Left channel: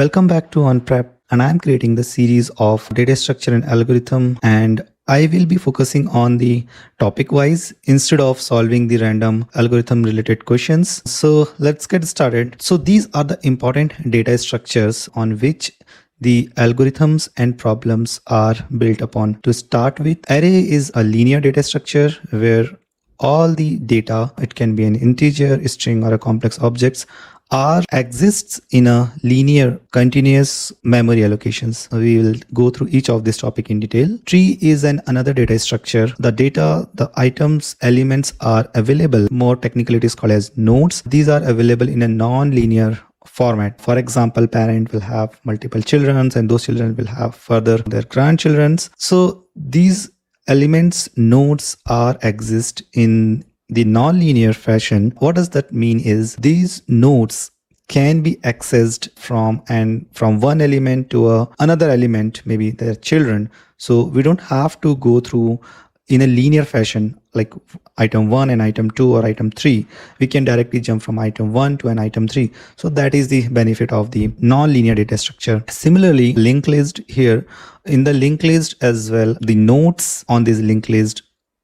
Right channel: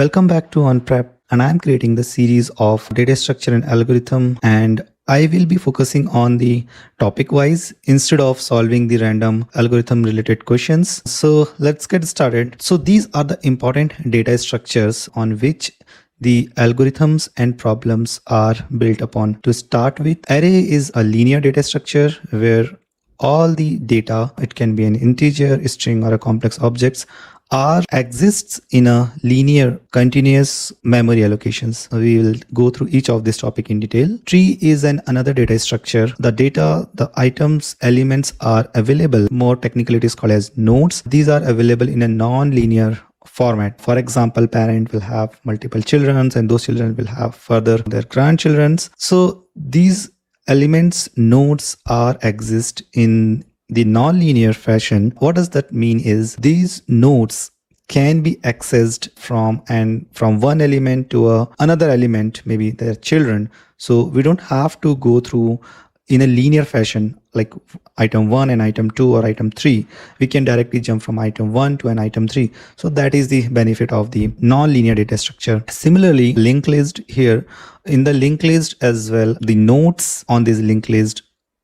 Welcome back to OnPrep, and I'm creating the series of data structure and algorithm, and I will be focusing on the topic wise instead of solving the random algorithm related questions. So let's get started. So these are the important data structures on which the algorithms and problems are built upon. To start with, array is a linear data structure where all the data, it can be an integer, a string, or a complex objects, are exists in a linear continuous memory allocations. We will go through each of this topic in detail. Tree is another data structure. The data, the items, elements are available. More technically it is called as nodes. These are available in a non-linear format. For example, parent will have multiple children and those children will have further their grandchildren. So these elements nodes are exist in the non-linear fashion. What does that mean is these nodes can be accessed from one element to another element, maybe their children. So we don't have to go through in a linear fashion like item 1 and item 2 or item 3. We can directly jump from item 1 to an item 3. So that is the benefit of the non-linear data structure. Similarly, linked list here, in the linked list as well, the nodes on this linked list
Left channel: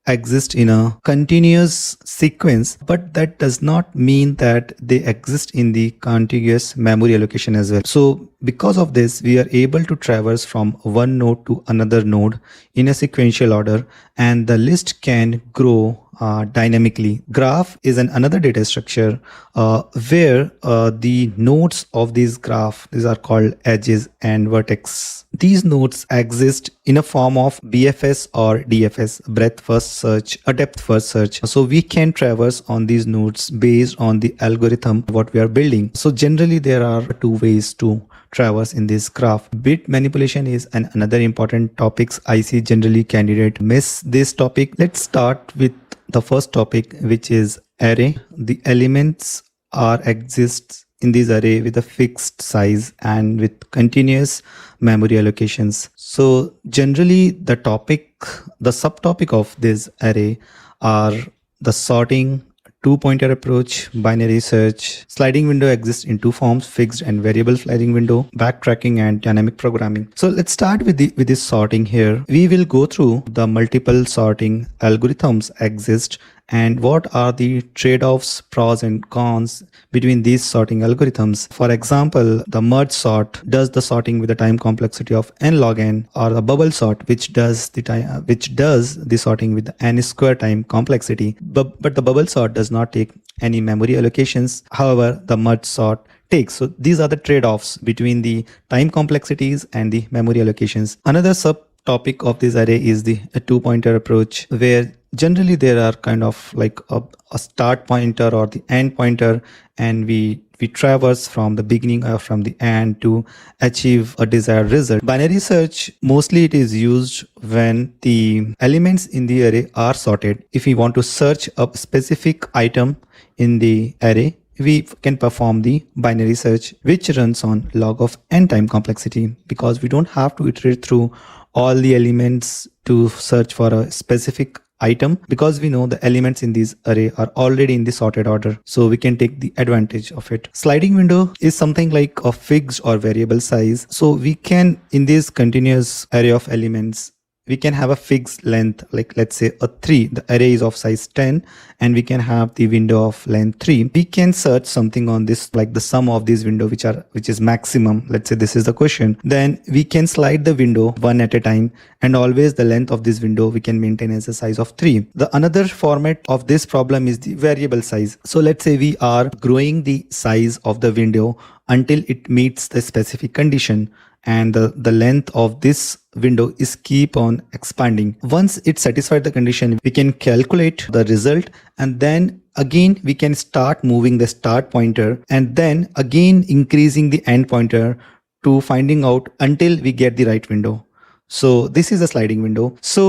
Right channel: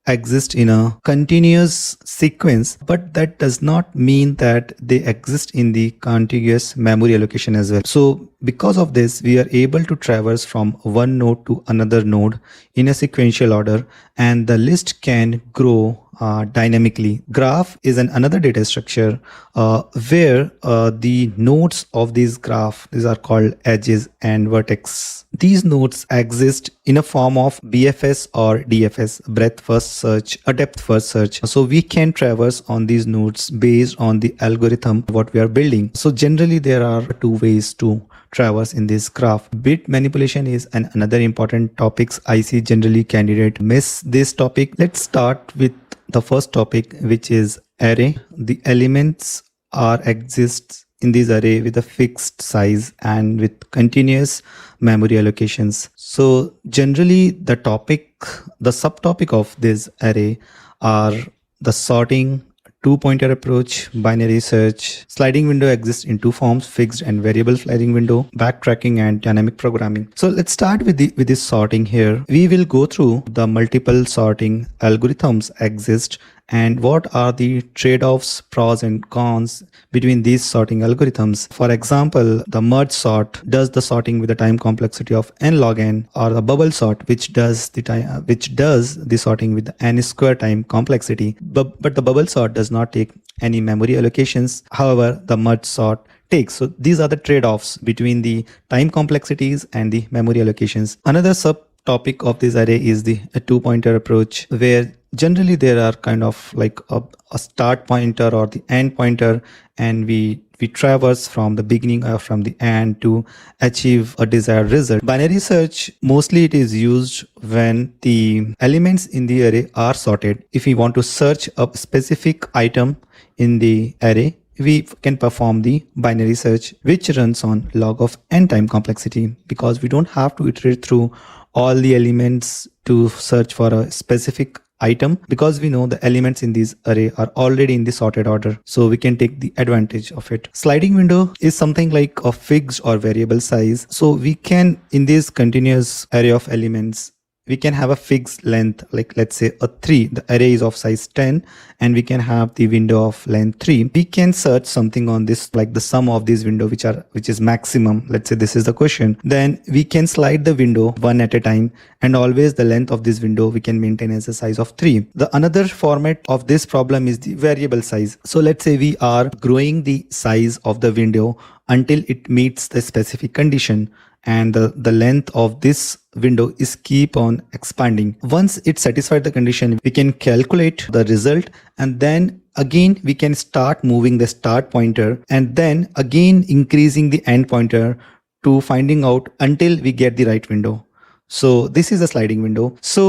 exist in a continuous sequence, but that does not mean that they exist in the continuous memory allocation as well. So because of this, we are able to traverse from one node to another node in a sequential order, and the list can grow dynamically. Graph is another data structure where the nodes of this graph, these are called edges and vertex. These nodes exist in a form of BFS or DFS, breadth first search or depth first search. So we can traverse on these nodes based on the algorithm what we are building. So generally there are two ways to traverse in this graph. Bit manipulation is another important topics. I see generally candidate miss this topic. Let's start with the first topic, which is array. The elements are exists in this array with a fixed size and with continuous memory allocations. So generally the subtopic of this array are the sorting, two-pointer approach, binary search. Sliding window exists in two forms: fixed and variable sliding window, backtracking and dynamic programming. So let's start with this sorting here. We will go through the multiple sorting algorithms exist and what are the trade-offs, pros and cons between these sorting algorithms. For example, the merge sort does the sorting with the time complexity of n log n, or the bubble sort which does the sorting with the n square time complexity. But the bubble sort does not take any memory allocations. However, the merge sort takes. So these are the trade-offs between the time complexities and the memory allocations. Another subtopic of this array is the two-pointer approach, where generally there are kind of like a start pointer or the end pointer, and we traverse from the beginning or from the end to achieve a desired result. Binary search, mostly it is used when the elements in the array are sorted. If we want to search a specific item in the array, we can perform the binary search, which runs on log of n time complexity, because we don't have to iterate through all the elements to search for a specific item, because we know the elements in this array are already in the sorted order, so we can take the advantage of it. Sliding window is something like a fixed or variable size, so we can, in this continuous array of elements, we can have a fixed length, like let's say a 3. The array is of size 10 and we can have the window of length 3. We can search something on this, like the sum of these window which is maximum. Let's say this is the question. Then we can slide the window one at a time, and always the length of this window we can maintain as a size of 3. The another format of this problem is the variable size. So let's say we are growing the size of the window until it meets the specific condition, and the length of this window is keep on expanding. Once it satisfied the condition, we can calculate the result, and then again we can start moving the start pointer and then again increasing the end pointer to finding out until we get the right window. So this is a sliding window. So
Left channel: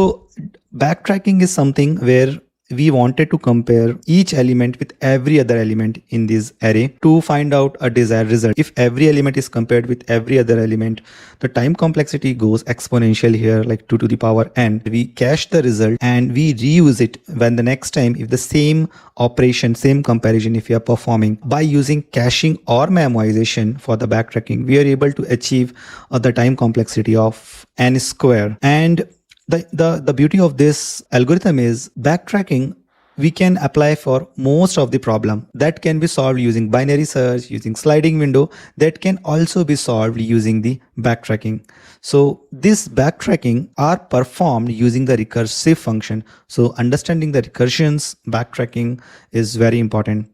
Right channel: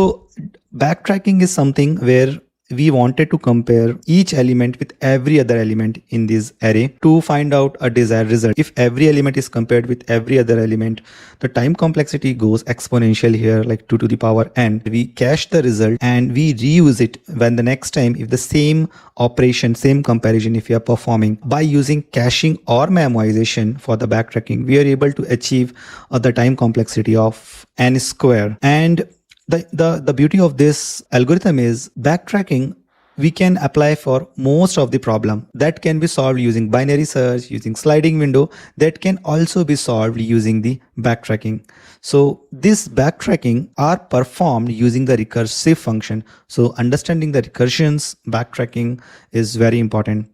backtracking is something where we wanted to compare each element with every other element in this array to find out a desired result. If every element is compared with every other element, the time complexity goes exponential here, like 2 to the power n. We cache the result and we reuse it when the next time if the same operation, same comparison if we are performing by using caching or memoization for the backtracking, we are able to achieve the time complexity of n square. And the beauty of this algorithm is backtracking we can apply for most of the problem that can be solved using binary search, using sliding window, that can also be solved using the backtracking. So this backtracking are performed using the recursive function. So understanding the recursions backtracking is very important.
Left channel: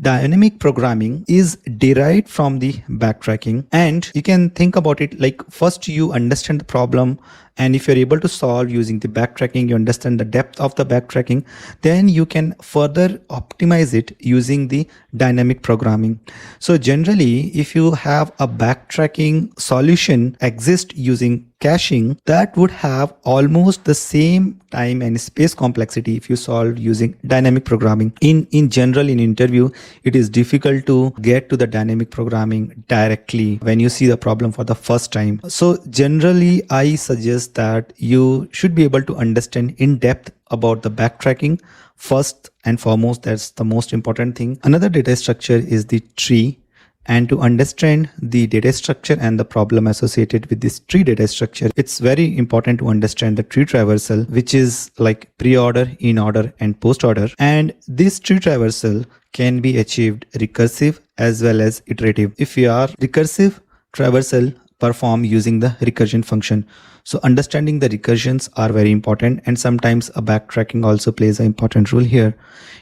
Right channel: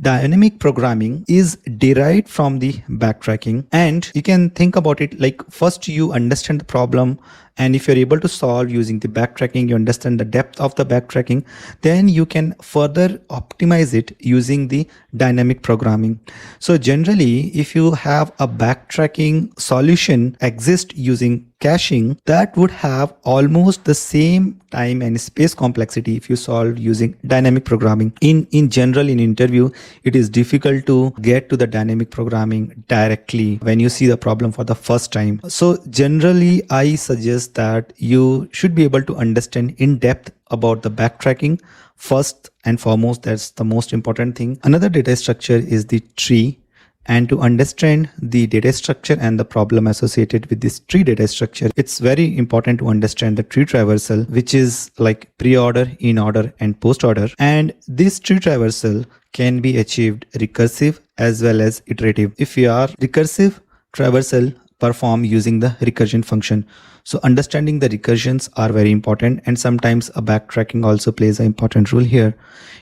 Dynamic programming is derived from the backtracking, and you can think about it like first you understand the problem, and if you're able to solve using the backtracking, you understand the depth of the backtracking, then you can further optimize it using the dynamic programming. So generally, if you have a backtracking solution exist using caching, that would have almost the same time and space complexity if you solve using dynamic programming. In general, in interview, it is difficult to get to the dynamic programming directly when you see the problem for the first time. So generally, I suggest that you should be able to understand in depth about the backtracking first and foremost. That's the most important thing. Another data structure is the tree, and to understand the data structure and the problem associated with this tree data structure, it's very important to understand the tree traversal, which is like pre-order, in-order, and post-order. And this tree traversal can be achieved recursive as well as iterative. If we are recursive traversal perform using the recursion function. So understanding the recursions are very important, and sometimes a backtracking also plays an important role here.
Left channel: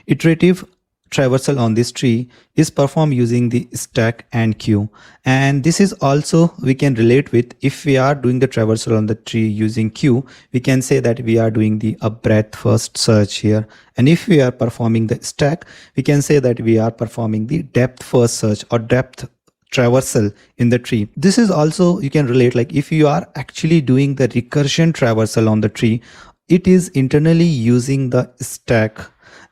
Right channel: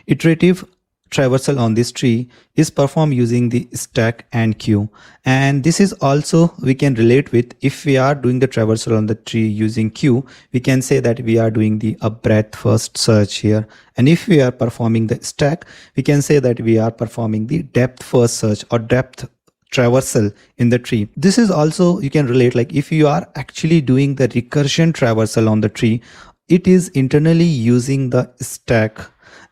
Iterative traversal on this tree is performed using the stack and queue, and this is also we can relate with if we are doing the traversal on the tree using queue, we can say that we are doing the a breadth first search here, and if we are performing the stack, we can say that we are performing the depth first search or depth traversal in the tree. This is also you can relate like if you are actually doing the recursion traversal on the tree, it is internally using the stack.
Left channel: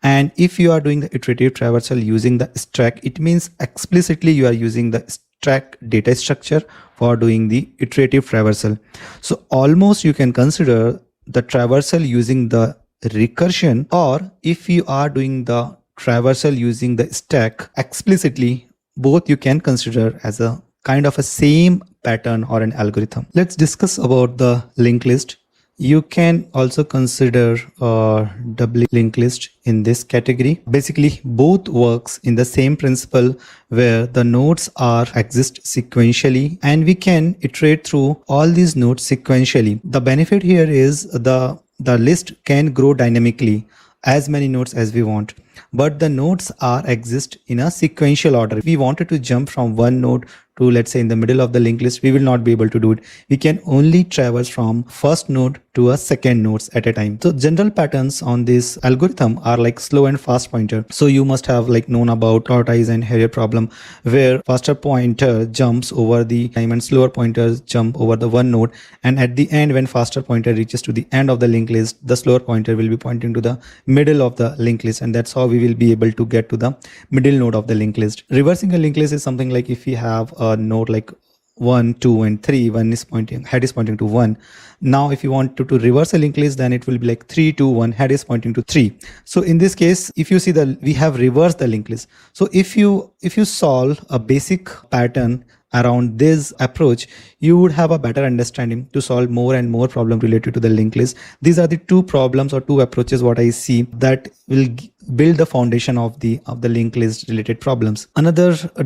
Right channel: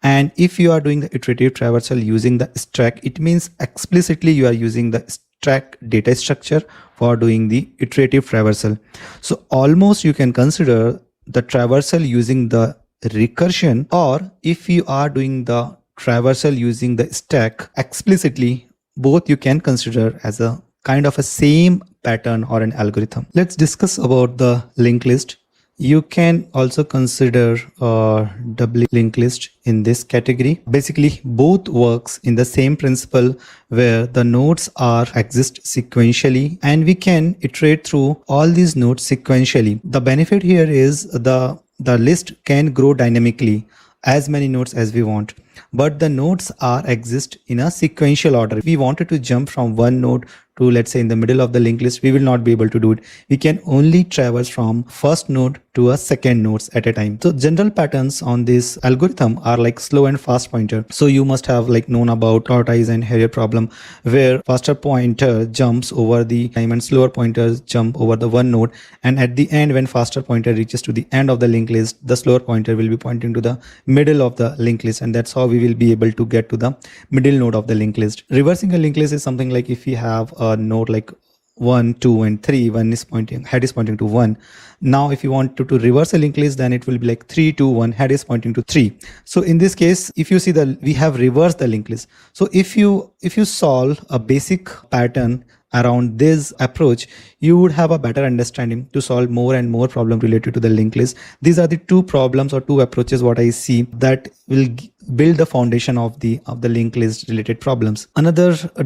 And if you are doing the iterative traversal using the stack, it means explicitly you are using the stack data structure for doing the iterative traversal. So almost you can consider the traversal using the recursion, or if you are doing the traversal using the stack explicitly, both you can consider as a kind of a same pattern or an algorithm. Let's discuss about the linked list. You can also consider double linked list in this category. Basically, both works in the same principle where the nodes are exist sequentially, and we can iterate through all these nodes sequentially. The benefit here is the list can grow dynamically as many nodes as we want, but the nodes are exist in a sequential order. If we wanted to jump from one node to, let's say, in the middle of the linked list, we will not be able to do it. We can only traverse from first node to a second nodes at a time. So general patterns on this algorithm are like slow and fast pointer. So you must have like known about tortoise and hare problem, where faster pointer jumps over the time and slower pointers jump over the one node, and at the end when faster pointer reaches to the end of the linked list, the slower pointer will be pointing to the middle of the linked list, and that's how we will be able to get to the middle node of the linked list. Reversing a linked list is something like if we have a node like 1, 2, and 3, one is pointing, head is pointing to 1. Now if you want to reverse a linked list, then it will be like 3, 2, 1, head is pointing to 3. So in this case, if you see that we have reversed the linked list. So if you solve a basic pattern around this approach, you would have a better understanding to solve more and more problem related to the linked list. These are the two problems or two approaches what I see that will build the foundation of the linked list related problems. Another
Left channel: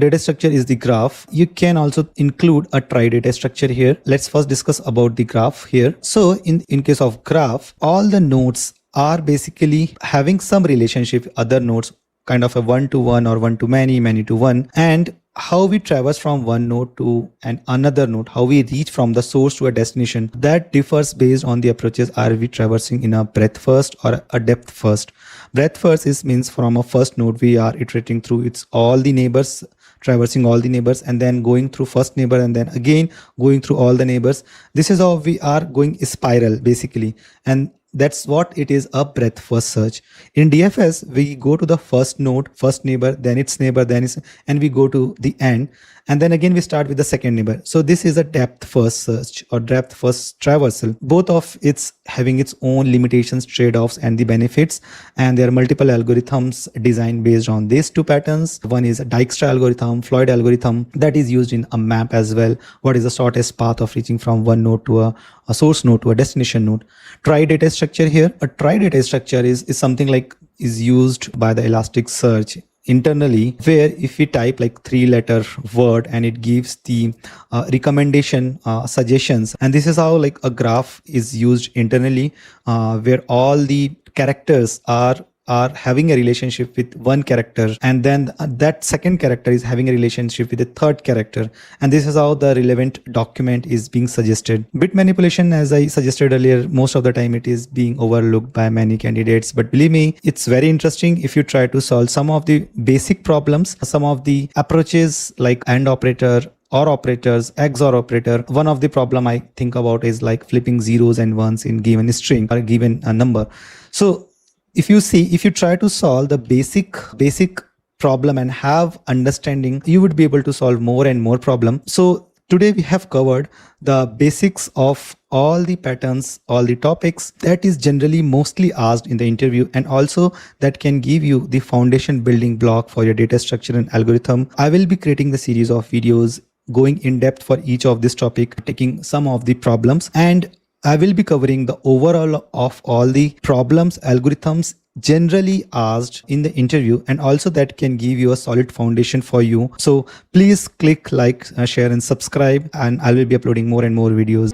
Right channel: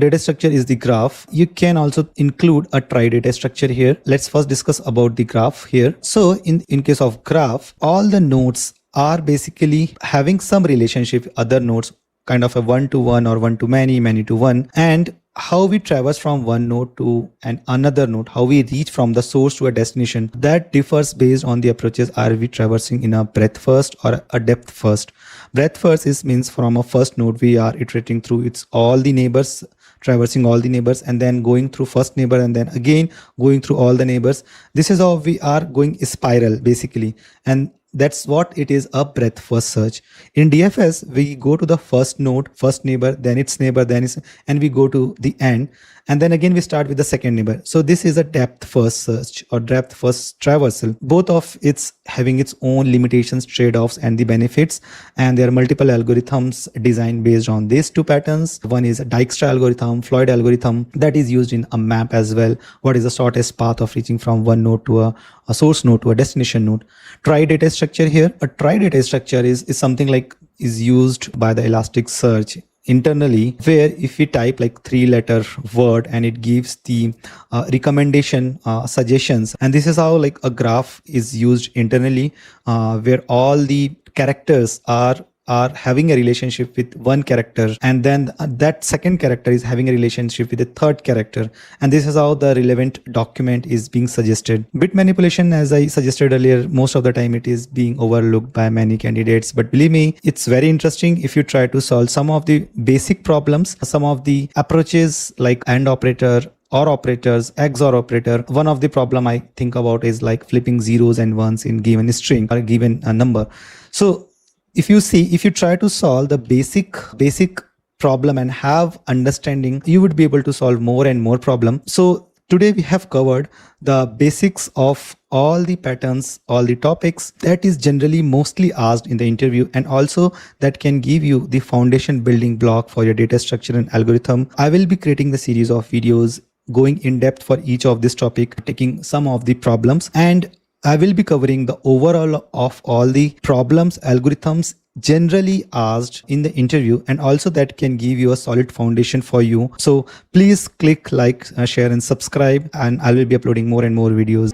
data structure is the graph. You can also include a trie data structure here. Let's first discuss about the graph here. So in case of graph, all the nodes are basically having some relationship with other nodes, kind of a one to one or one to many, many to one, and how we traverse from one node to another node, how we reach from the source to a destination, that differs based on the approaches. Are we traversing in a breadth first or a depth first? Breadth first means from a first node we are iterating through its all the neighbors, traversing all the neighbors, and then going through first neighbor, and then again going through all the neighbors. This is how we are going spiral basically, and that's what it is, a breadth first search. In DFS, we go to the first node, first neighbor, then its neighbor, then its, and we go to the end. And then again, we start with the second neighbor. So this is a depth first search or depth first traversal. Both of it's having its own limitations, trade-offs, and the benefits. And there are multiple algorithms designed based on these two patterns. One is a Dijkstra algorithm, Floyd algorithm that is used in a map as well. What is the shortest path of reaching from one node to a source node to a destination node. Trie data structure here. A trie data structure is something like is used by the Elasticsearch internally, where if we type like 3-letter word and it gives the recommendation suggestions, and this is how like a graph is used internally, where all the characters are having a relationship with one character, and then that second character is having a relationship with the third character, and this is how the relevant document is being suggested. Bit manipulation, as I suggested earlier, most of the time it is being overlooked by many candidates, but believe me, it's very interesting if you try to solve some of the basic problems, some of the approaches like AND operator or operators, XOR operator. One of the problem I think about is like flipping zeros and ones in given string or given a number. So if you try to solve the basic problem and have understanding, you would be able to solve more and more problem. So today we have covered the basics of all the patterns, all the topics that is generally mostly asked in the interview, and also that can give you the foundation building block for your data structure and algorithm. I will be creating the series of videos going in depth for each of this topic, taking some of the problems, and I will be covering the overall of all the problems, algorithms generally asked in the interview, and also that can give you a solid foundation for you. So please click like, share and subscribe, and I will be uploading more and more videos.